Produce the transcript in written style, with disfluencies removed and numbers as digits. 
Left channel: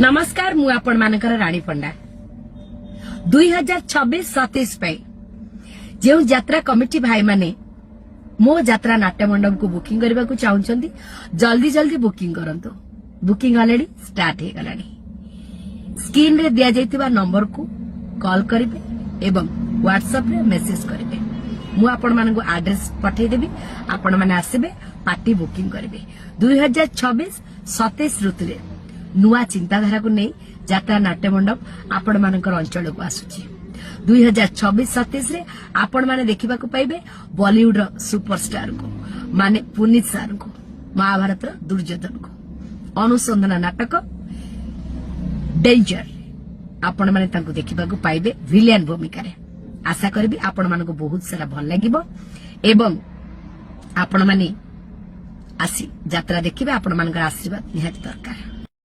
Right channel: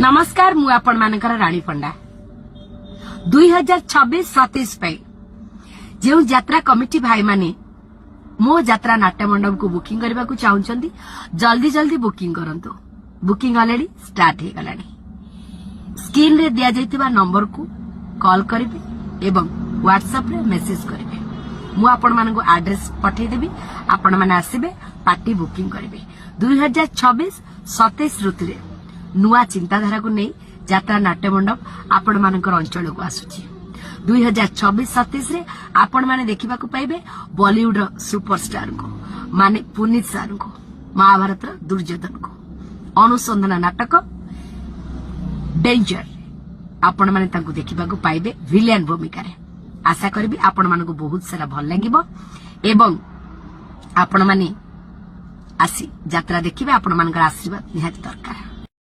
नमस्कार मु आपण मानकर राणी पंडा 2026-27 जो यात्रा कमिटी भाई माने मो यात्रा नाट्य मंडप को बुकिंग करने को चाहते जल्दी जल्दी बुकिंग करंतु। बुकिंग ऑलरेडी स्टार्ट हो गलानी। स्क्रीन रे दिया जाइतिबा नंबर को कॉल करिवे एवं व्हाट्सएप रे मैसेज करिवे। मु आपण मानको एड्रेस पठे देबी, आपण माने आसीबे पार्टी बुकिंग करिवे। 2026-27 ऋतुरे नुआ चिंताधारा को नहीं यात्रा नाट्य मंडप आपण मानकर अंचल को आसुची। 2026-27 रे आपण माने देखिबा को पाइबे बॉलीवुड रो सुपरस्टार को माने पुनीत सार को, महाभारत रो दुर्योधन को, अनुसंधान नाटक डेंजर आपण माने तांको देखिबा को पाइबे विलेन भूमिका रे। आशा करबी आपण मानको बहुत सारा भल लागिबो एवं आपण माने आसी यात्रा देखिबे। आपण मानकर आशीर्वाद निहात दरकार।